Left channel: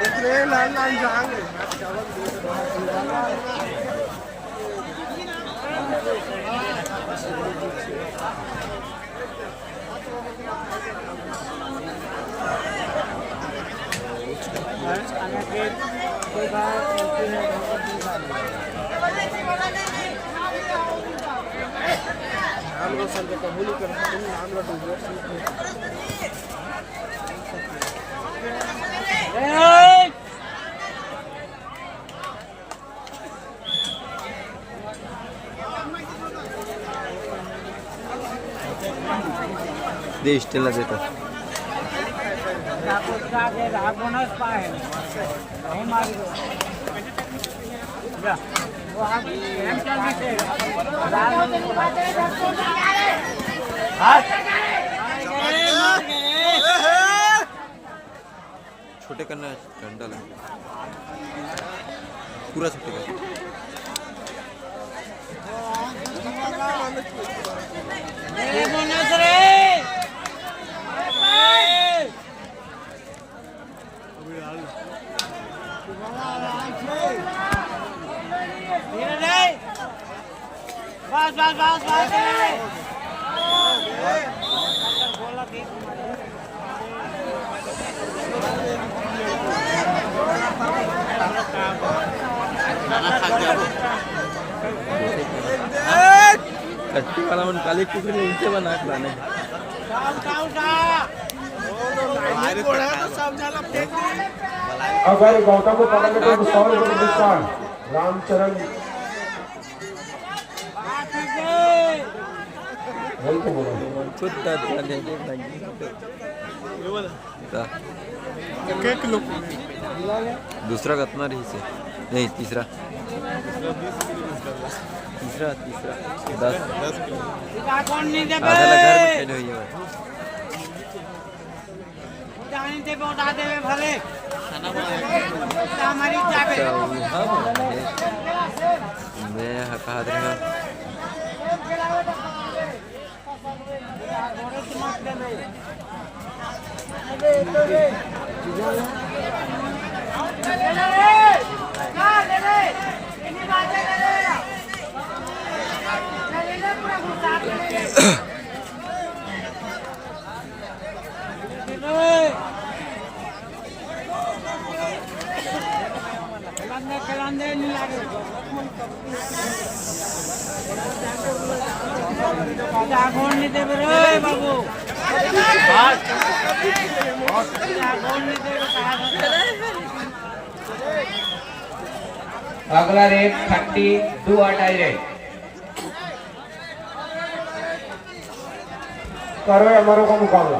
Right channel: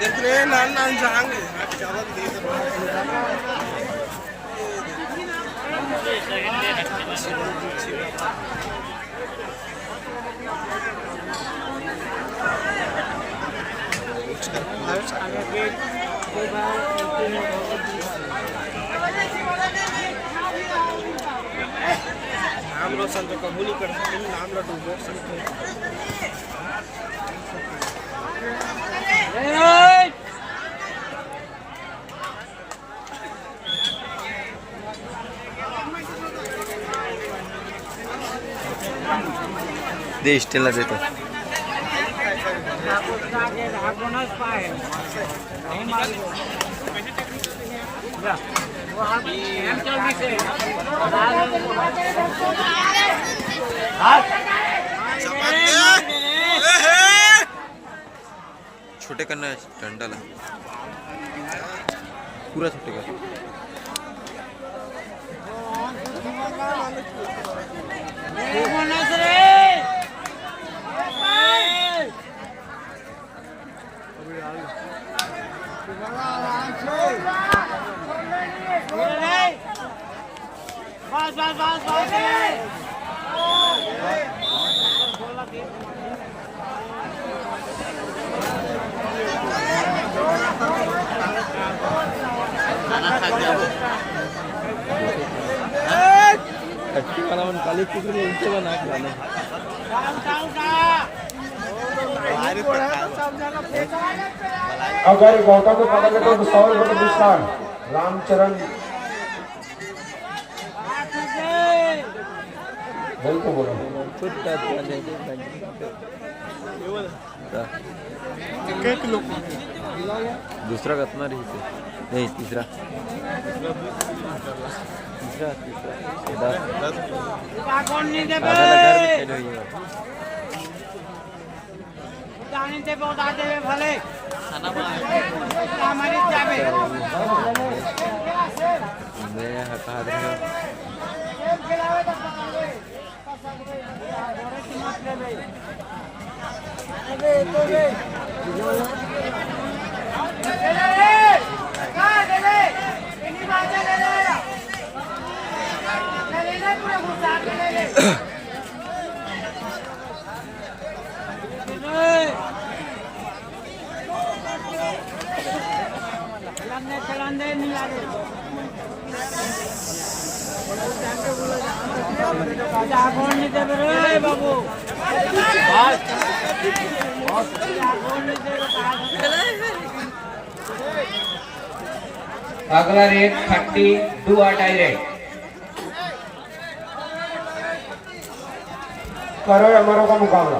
देख रहे हैं लाल लाल जाएंगे चावल दे नाम रोशन तो कबूल ही कर सकते हैं नाम रोशन दे स्टेला देतो छोटे करना है डंडा ला पूरा छोटे कर कच्ची वाला मन काली कुकरी नीचे बना के लाने अगर गौतम को पकड़ने को 100 रुपये डिस्काउंट रामचरण बिल्कुल बोलो खुद दूसरा कितना रही से नहीं तीसरा तीसरा 10 आधा लगा में खेल हुई है मैं हटा दूंगा अगला रेट 32 डायरेक्ट करो हमारों का मुकाबला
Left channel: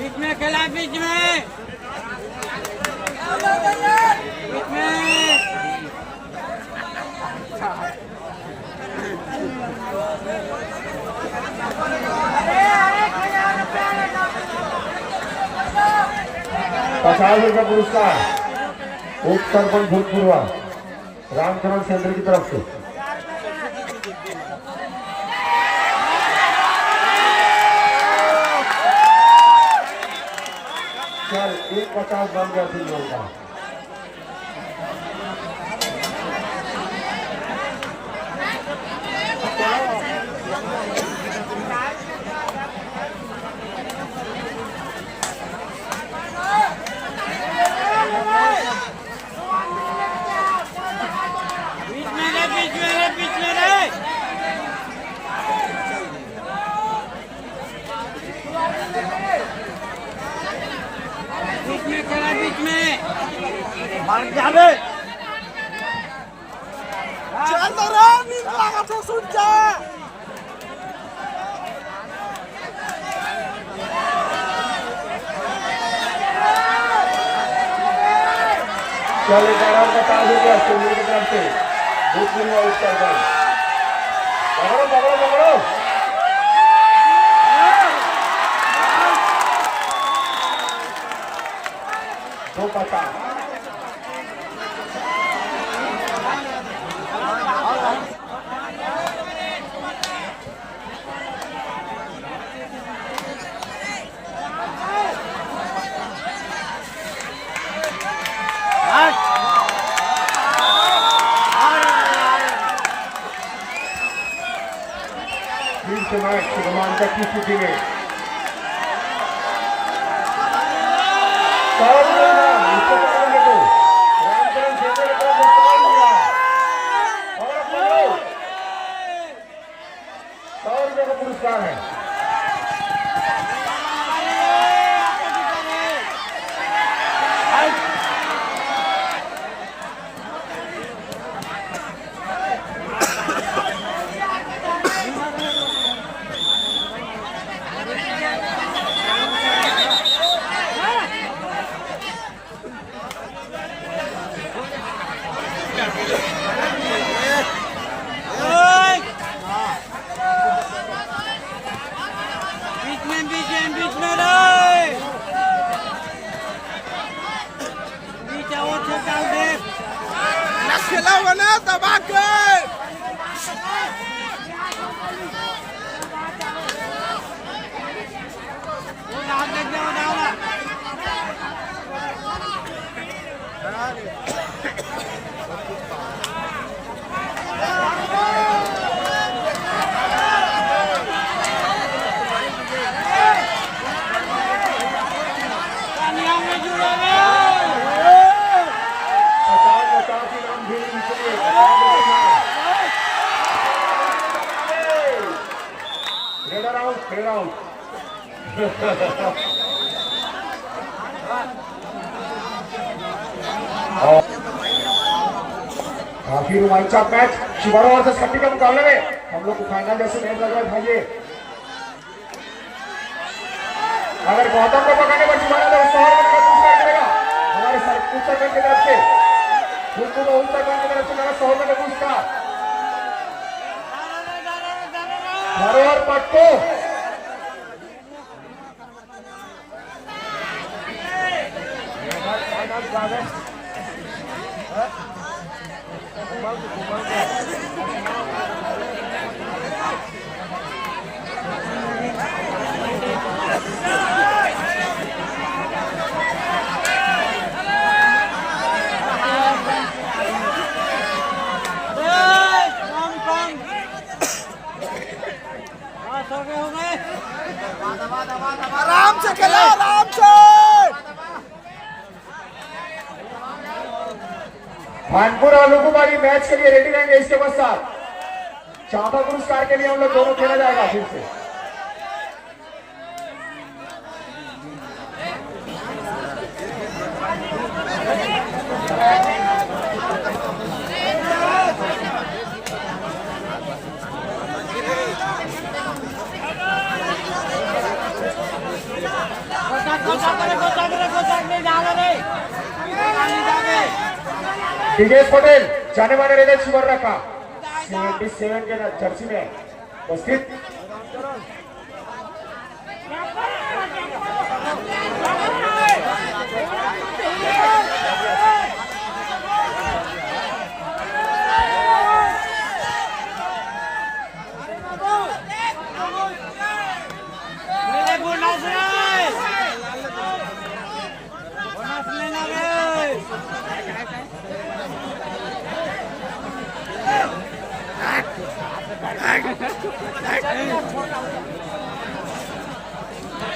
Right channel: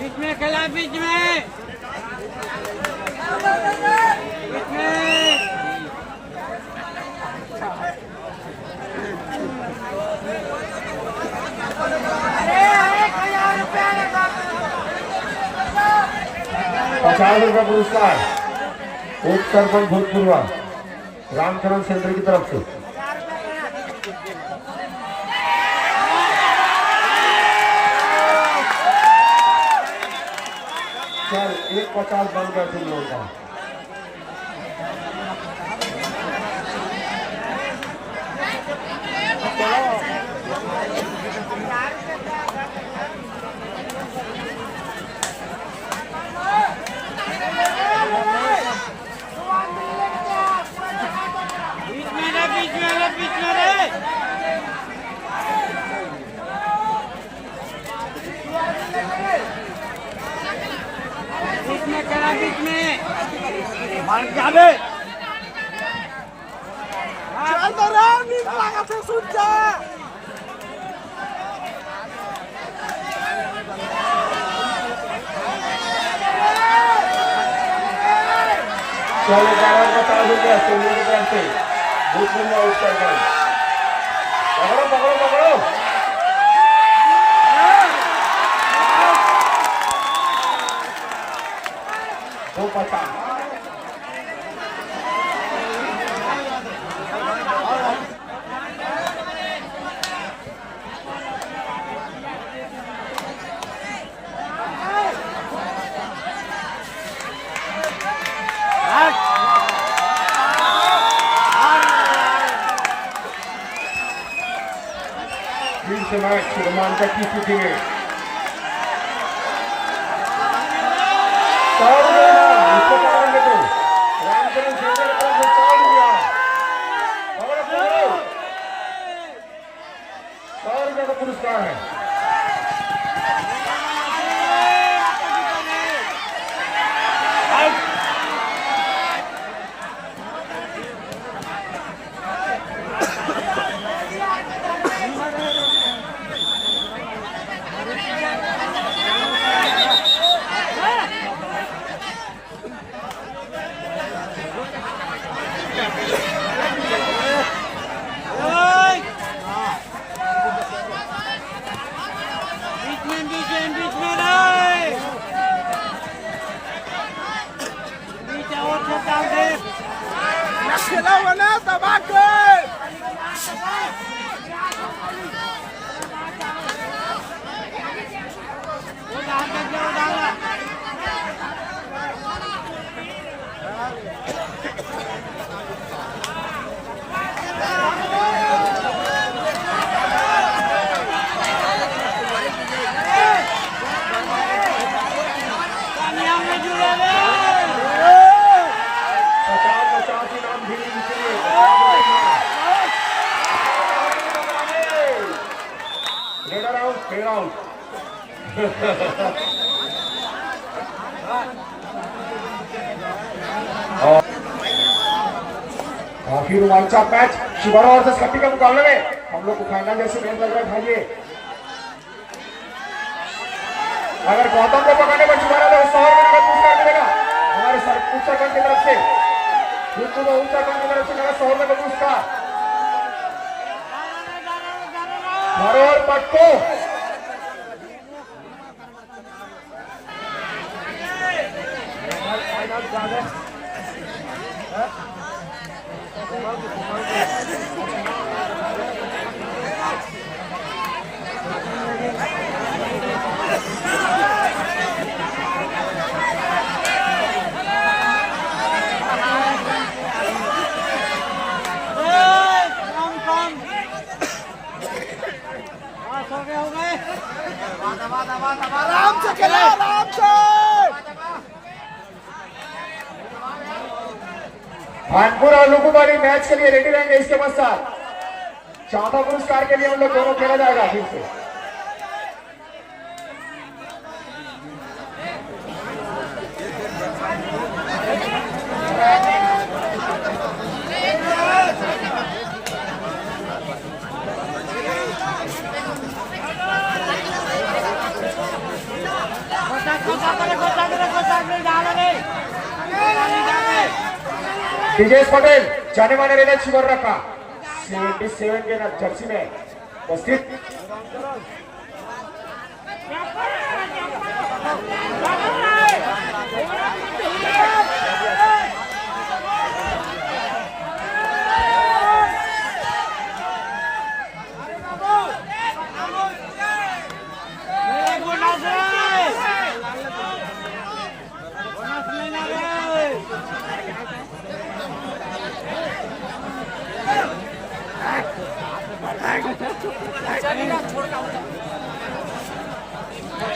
बीच में खेला बीच में ₹50 पुरस्कार उत्तर भूतपूर्व रामचरण सेंटर की तरफ से सर 150 बन गया थी होगा बीच में खेला बीच में मार जावे चल तो राम नींद लगा तो सुन जा चलो करार का ताल हो गया सोनी की तरफ से भूतपूर्व उत्तर करें पकड़ो पकड़ो पकड़ो दो पता फिर से मैच शुभमान का की स्थिति में रामचरण सेंटर को निकाल दिया 100 रुपये का पुरस्कार है खिलाओ ना दबा के काफी रोमांचक मैच शिवाड़ा और छत्ती के मुकाबले में हम लोग को फाइनल जैसे गेम लग रहा है अगर गौतम को पकड़ने पर शिवाड़ा तो 100 रुपये का पुरस्कार मिलेगा हमारे उत्तराखंड की तरफ से उत्तराखंड की तरफ से मिलेगा 100 रुपये का पुरस्कार और पट्टो आराम से खेलो आराम से भानपुर और लुकुबारी मैच के लिए रेडी रहेंगे इसके पश्चात चौथा पुरस्कार के लिए हम लोग दोनों खेला जाएगा फिर से ब्रिजेश पटेल जाने माने रेलवे शिवर रखा 77 के जर्सी में उपस्थित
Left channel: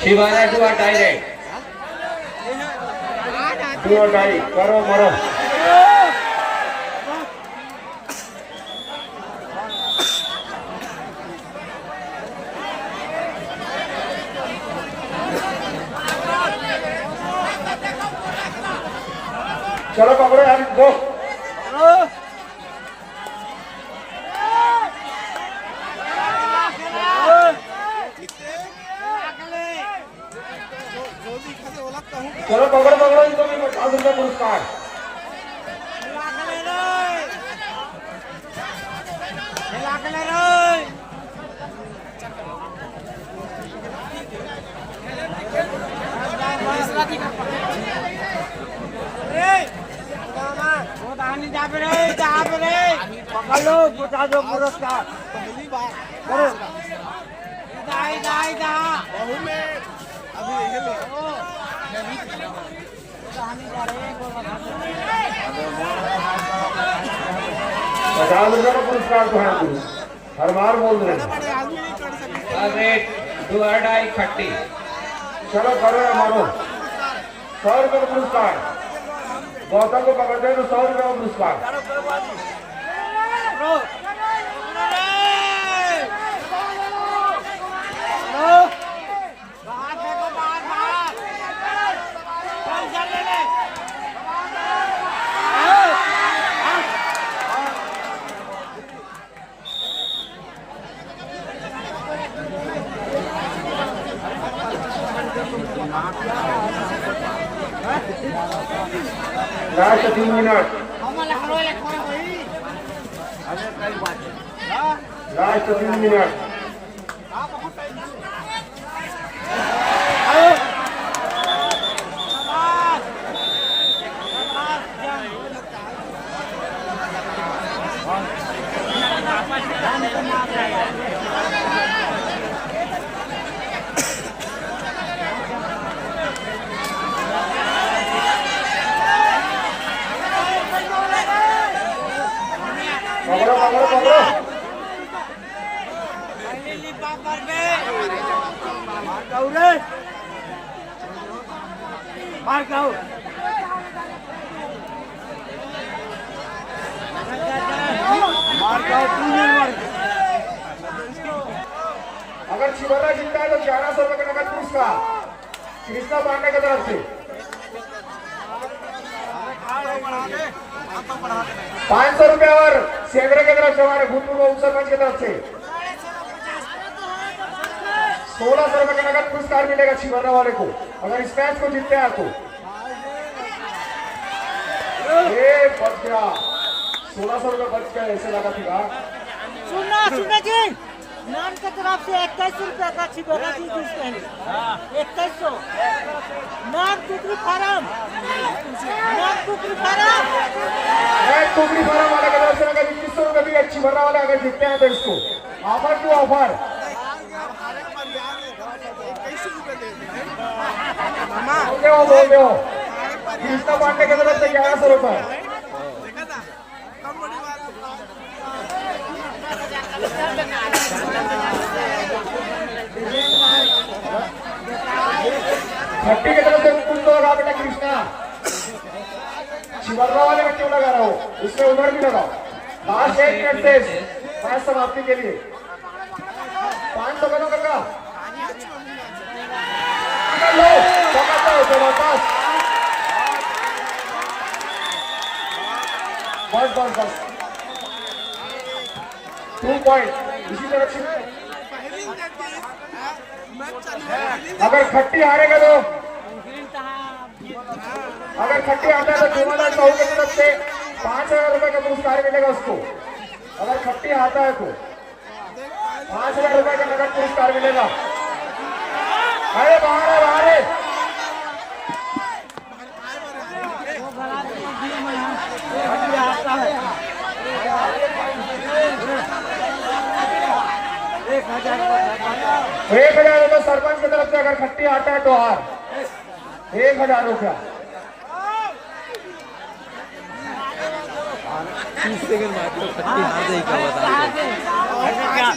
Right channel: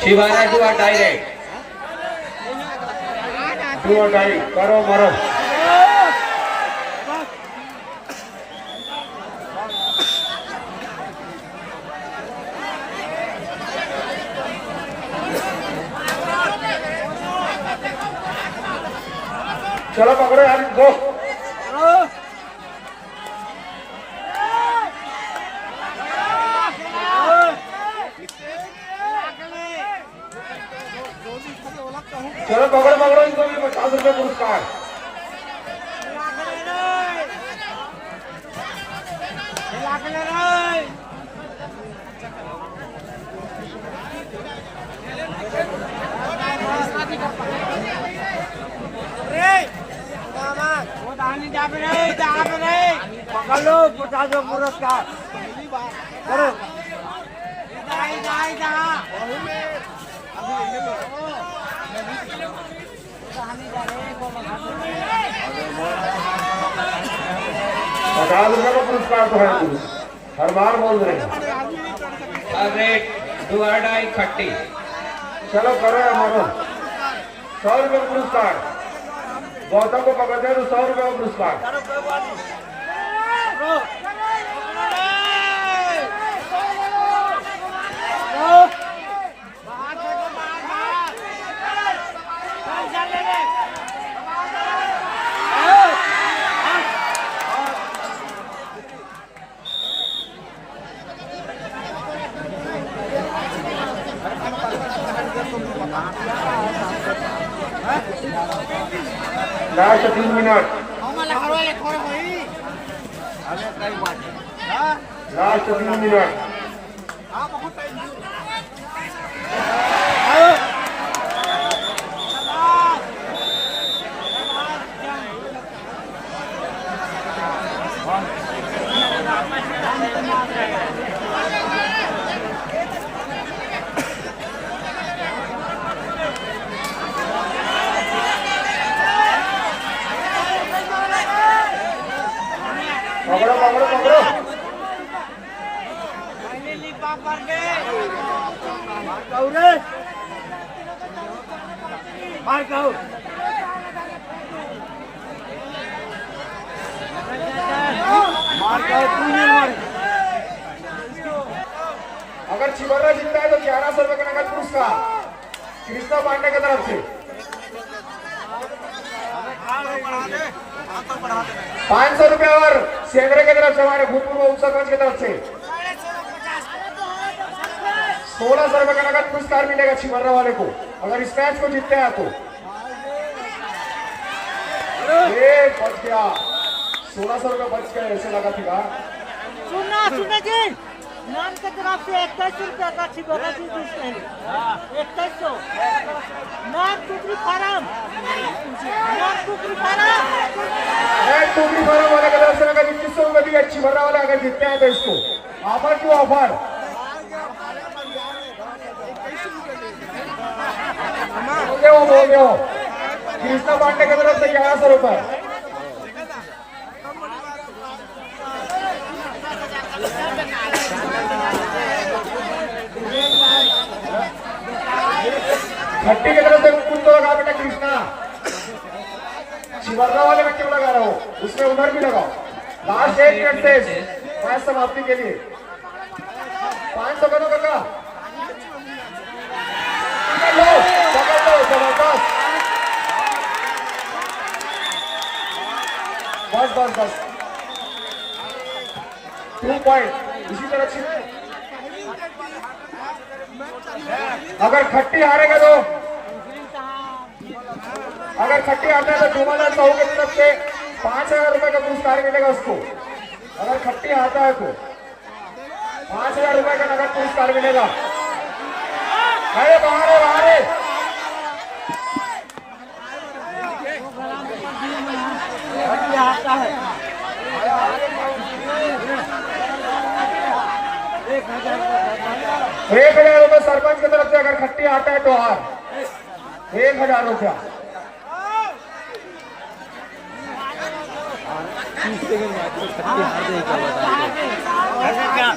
शिवाना टू डायरेक्ट करो मरो चलो पकड़ो यार दो चलो पकड़ो पकड़ो इनको भी 50 रुपये पुरस्कार पकड़ लो, पहुंचा दो पुरस्कार करो। पुरस्कार हर बार बोल रहे हैं। अरे बुलाडाई खट्टी चलो करो मारो 100 रुपये का पुरस्कार। गौतम को पकड़ दो 100 रुपये का पुरस्कार। लास्ट 3 मिनट। लास्ट 3 मिनट। पकड़ो पकड़ो पकड़ो। मार खाओ अगर छिबरा जीतता है तो 1100 रुपये का नगद पुरस्कार कृष्णा पांडे की तरफ से। 500 रुपये और सेवरे की तरफ से हमारे भूतपूर्व उप सरपंच की तरफ से 1600 रुपये का नगद पुरस्कार मिलेगा छिबरा वाले को अगर इस मैच को जीतते हैं तो। ये बच गया 1600 रुपये बच गए ऐसे लगा था। सुनना जी नाम के तरफ से 2100 रुपये का छिबरा जी दूसरे 2100 नाम टुकड़ी फार्म टुकड़ी फार्म वाले की तरफ से अगर 2100 रुपये भी अच्छी भरा वाले अगर जीतते हैं तो इसको ऑफर क्यों ऑफर। बोल रहे हो कृष्णा पांडे की तरफ से 1100 रुपये। छठी की तरफ से कुछ तो लगा बेटा कृष्णा शिवरना वाले बच्चे लगा रहा हो उसमें उधर भी लगाओ। लास्ट 1 मिनट से मैच समाप्ति के लिए 500 का लगा। बस बस बस 2 पॉइंट इसी तरह से। अगर खट्टी हारेगा तो अगर खट्टी आता है तो 2000 की तरफ से 5000 रुपए का पुरस्कार मिलेगा उसको। अगर खट्टी आता है तो 5000 रुपए का नगद पुरस्कार मिलेगा। अरे बाहर बाहर आता है 1000 रुपये सरपंच की तरफ से अगर खट्टी आता है तो हार 1000 रुपया। 30 सेकंड बाद तो खट्टी हार गई क्या बता। क्या